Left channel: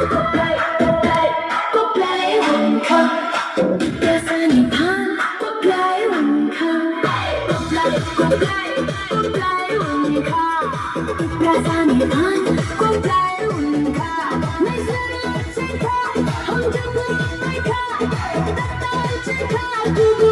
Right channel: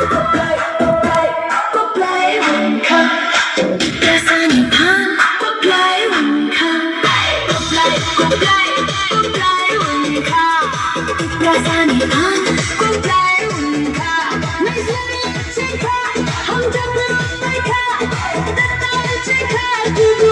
Quốc lai hùng khăn ra xa nhịp hát quốc lai hùng khăn quốc lai hùng khăn ra xa nhịp hát quốc lai hùng khăn nơi riêng nơi trên khai hồng chân nơi khai đất nơi trên khai